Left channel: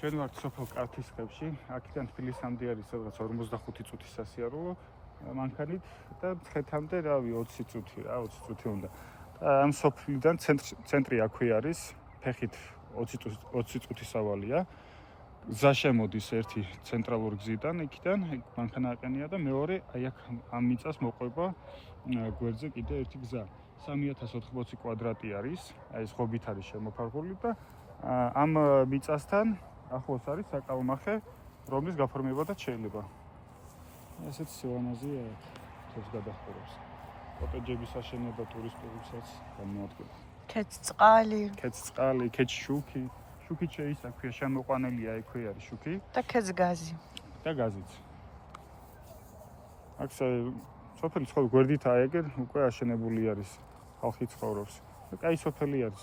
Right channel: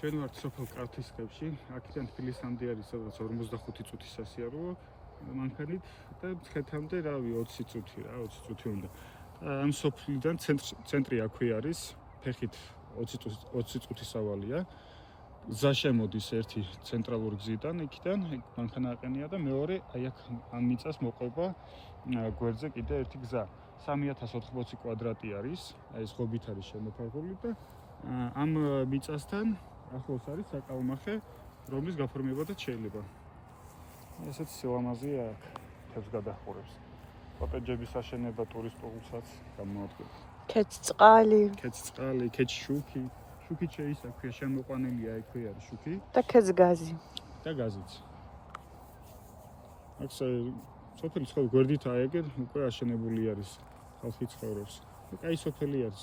ჩვენ ვართ სოფელ კავთისხევში, აქედან თბილისამდე არის სადღაც 45 წუთის სასიარულო მანქანით და მცხეთამდე 20 წუთი რა, 20 წუთი უნდა. ამ სოფლიდან ცენტრი აქვე არის, ფეხით 20 წუთის სავალია. გზა შემოდის ერთი ცენტრალურ გზიდან, იქიდან მანქანა აყენია და მეორე აი აქ ამ მიწას მოყვება გვერდზე კიდე ერთი გზა. 3080 კვადრატი არის, აი ეს ღობით არის შემოფარგლული და ამ მიწასთან ახლოს არის საკალმახე, რომლის გაფორმებადაც შეიძლება. ესეთი სილამაზეა აქ, თებს გადახურებს. კოტეჯების აშენება ტურისტებიცაც გამოადგება. ქედწყალი, ქედშუქი. შუქით შეისაქვია, შემოყვანილია ექვე არის შუქი და ქეძგაზი. და გაზიც. აქ სოფელი გვერდით აეგერ, უკვე აშენებული არის, ხალხი ცხოვრობს. კაი სოფელი არის.